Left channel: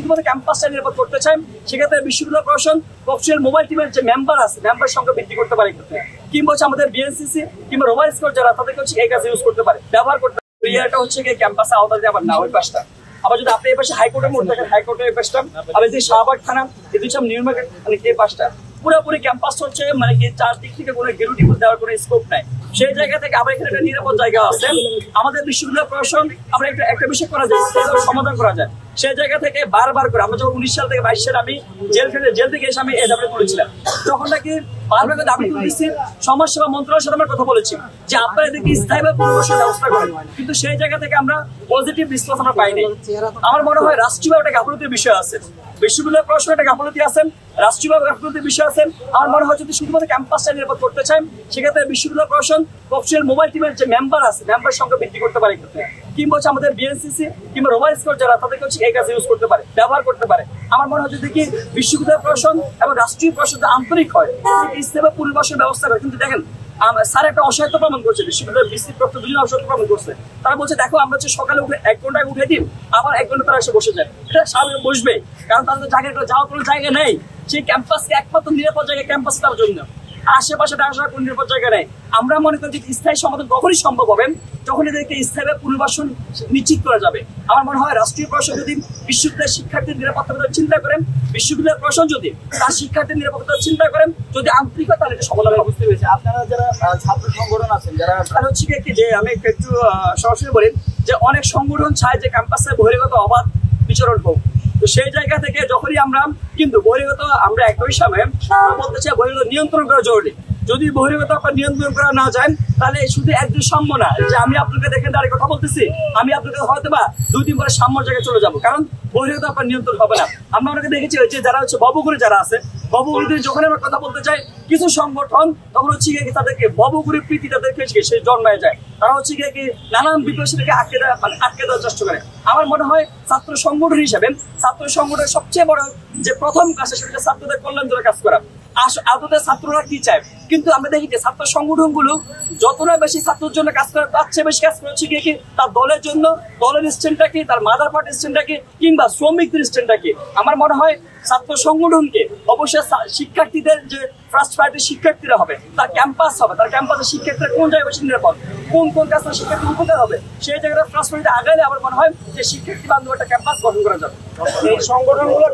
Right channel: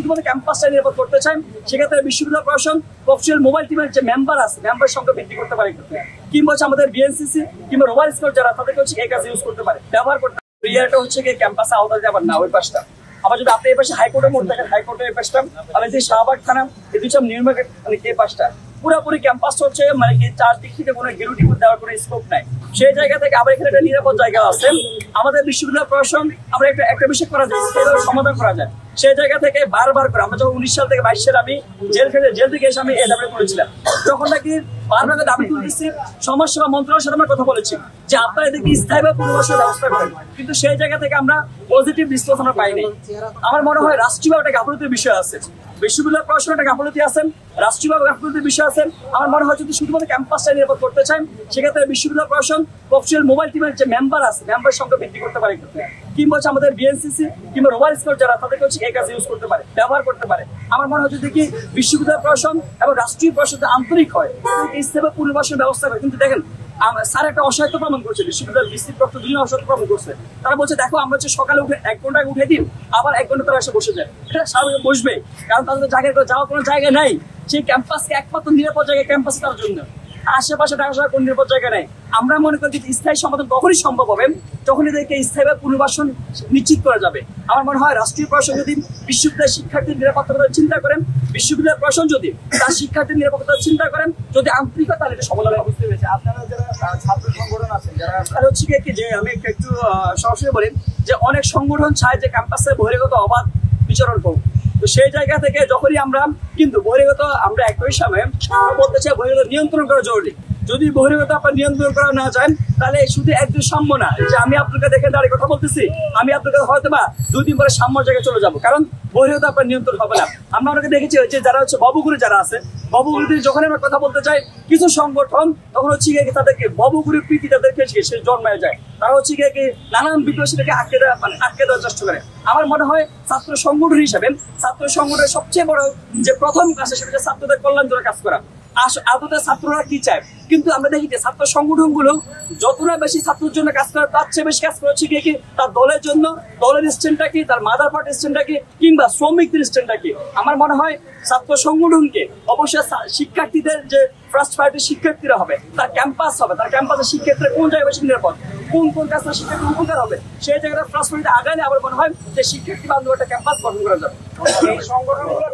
শুধুমাত্র ক্যাম্পাসটা নিরাপদ করতে চাই, সেক্ষেত্রে বিশ্ববিদ্যালয় প্রশাসন প্রফেশনাল মোবাইল টিমের যে মেম্বার আছে, মেম্বার সংখ্যা বৃদ্ধি করতে পারে ক্ষেত্রে, কিংবা আমাদের বিএনসিসি কিংবা রোভার স্কোয়াড যারা তাদেরকে এই কাজে ইউজ করতে পারে, ব্যবহার করতে পারে। এরিয়াটা হচ্ছে কি ক্যাম্পাসে আওতায় যাবার না, ওই পাশটা। আবার যদি আপনি এই পাশে হাইকোর্টের মোড় দেখেন, হাইকোর্টের এই পাশটা, আবার যে শাহবাগ থানা, এই দুই নিউ মার্কেট মানে এই পাশটা পুরোপুরি ক্যাম্পাস হচ্ছে মানে কি চারদিক থেকে কোনো গেরুটি দেওয়ার কোনো স্কোপ নাই। সেই জায়গা থেকে আবার এখানে একটা নিরাপদ জায়গা আছে। আমাদের বিশ্ববিদ্যালয় প্রশাসন আমরা একটা বিষয় করা যায়, সমাধান করা যায়। সেই জায়গা থেকে বারবার করে আমরা যখন 19 সাল থেকে 22 সালে আমি জেল থেকে এসে আমি এই দাবি তুলেছিলাম, তখন নাকি বারবার দাবি তুলতেছি, সমাজসেবা মন্ত্রণালয়ের সাথে আমরা কথা বলেছি যে আপনারা এদেরকে স্থায়ী বা পুনর্বাসনের ব্যবস্থা করেন, কিন্তু সেই জায়গা থেকে আমরা পজিটিভ রেসপন্স আমরা পাইনি। আমার মনে হয় রাষ্ট্রীয়ভাবে একটা গাফলতির বিষয় আছে, বিশ্ববিদ্যালয় প্রশাসনের একটা গাফলতি আছেন, রাষ্ট্রীয়ভাবে গাফলতির বিষয় আছেন। আমার মনে হয় যদি শুধুমাত্র ক্যাম্পাসটা নিরাপদ করতে চাই, সেক্ষেত্রে বিশ্ববিদ্যালয় প্রশাসন প্রফেশনাল মোবাইল টিমের যে মেম্বার আছে, মেম্বার সংখ্যা বৃদ্ধি করতে পারে ক্ষেত্রে, কিংবা আমাদের বিএনসিসি কিংবা রোভার স্কোয়াড যারা তাদেরকে এই কাজে ইউজ করতে পারে, ব্যবহার করতে পারে। আমার মনে হয় যদি কি বিশ্ববিদ্যালয় প্রশাসন এবং রাষ্ট্রীয় প্রশাসন আন্তরিক হয়, ইস্তেফা পুনর্বাসনের ব্যবস্থা করে। কিন্তু দেখেন স্যার একটা অসহায়ত্ব প্রমাণ করছে, বিশ্ববিদ্যালয় বিস্তৃত তথ্য দুজন অসহায়ত্ব প্রমাণ করছে। তারা বলছে দেখো আমরা হচ্ছে সকালে উঠে 1 ঘন্টা উঠে দিই, আবার 1 ঘন্টা তারা এসে বসে যায়। এটা স্বাভাবিক বসবে, কারণ তাদের জায়গায় যাওয়ার কোনো জায়গা নাই। সেই ক্যাম্পাসকে একমাত্র নিরাপদ জায়গা ক্যাম্পাস তার জন্য, আশেপাশে ঢাকা শহরে কোনো নিরাপদ জায়গা নেই। আমরা মনে করি যে স্থায়ী সমাধান তখনই সম্ভব হবে যখন এদেরকে স্থায়ী পুনর্বাসন নিশ্চিত করা যাবে। আমার মনে হয় রাষ্ট্রীয় প্রশাসন যদি বিশ্ববিদ্যালয়ের শিক্ষার্থীর নিরাপত্তার কথা চিন্তা করেন, বিশ্ববিদ্যালয় প্রশাসন যদি তার শিক্ষার্থীর নিরাপত্তা চিন্তা করেন, যদি আন্তরিকতা, তাহলে এটা সমাধান হবে। বুঝতে পেরেছি আপনারা যারা ছাত্র সংগঠন আছেন, যারা আর হচ্ছে কি যে আমি একটু সরাসরি বলেন যে অনেক সংগঠন চায় যে ক্যাম্পাসে বহিরাগত অবাধ বিচরণ হোক। তো সেই জায়গা থেকে যখনই আমরা কিন্তু বহিরাগত আমরা একই সময় বলতে চাই বহিরাগত নিয়ন্ত্রণ করা জরুরি। যদি বহিরাগত আপনার নিয়ন্ত্রণ করা না যায়, তাহলে শুধু একজন সাম্য না যে আমি আপনাকে দেখেন দাঁড়িয়ে কথা বলতেছি, আমি আপনাকে হয়তো বা 2 দিন পরে সাম্যর জায়গায় চলে যাবো, কারণ বহিরাগত আপনার নিয়ন্ত্রণ হবে না। আমরা অনেকে দেখেছি যে যারা হচ্ছে বাবুগুড়ি যারা আছে, বাবুগুড়িতে যখন আমরা কথা বলতে চাই কিছু সংগঠন, তখন হচ্ছে গিয়ে তাদেরকে বাবুগুড়ির প্রীতি তাদেরকে সে জন্মায় যায়, তারা হচ্ছে গিয়ে নানান বিষয়টাকে আটকে দেওয়ার চেষ্টা করে। আমার মনে হয় ছাত্র সংগঠন হিসেবে ছাত্র সংগঠনের সবচেয়ে বড় যে প্রথম কাজ, সেটা হচ্ছে ছাত্রদের কল্যাণ জন্য কাজ করা। আদতে ছাত্ররা কি চায়, কিন্তু আমরা দেখি যে ছাত্র সংগঠন গুলো যতটা বেশি ছাত্রের জন্য কাজ করে, তার চেয়ে বেশি কাজ করছে কি তার দলের জন্য, দলের স্ট্যান্ডটা কি, তার মাদার পার্টির স্ট্যান্ডটা কি, কিংবা শ্রমিকদের স্ট্যান্ডটা কি। আমার মনে হয় ছাত্র সংগঠনকে অবশ্যই শিক্ষার্থীদের যে ফার্স্ট প্রায়োরিটি শিক্ষার্থীরা হবে, তার ক্যাম্পাস হবে, তার ক্যাম্পাসের শিক্ষার্থীরা কোন জায়গায় বেশি নিরাপদ, কোন কাজটা শিক্ষার্থী উপকার হবে, সেই জায়গাটা ফার্স্ট প্রায়োরিটি আগালে আমার মনে হয় যে শিক্ষার্থী বান্ধব একটা ক্যাম্পাস গঠন করা যাবে। এই সংগঠনগুলো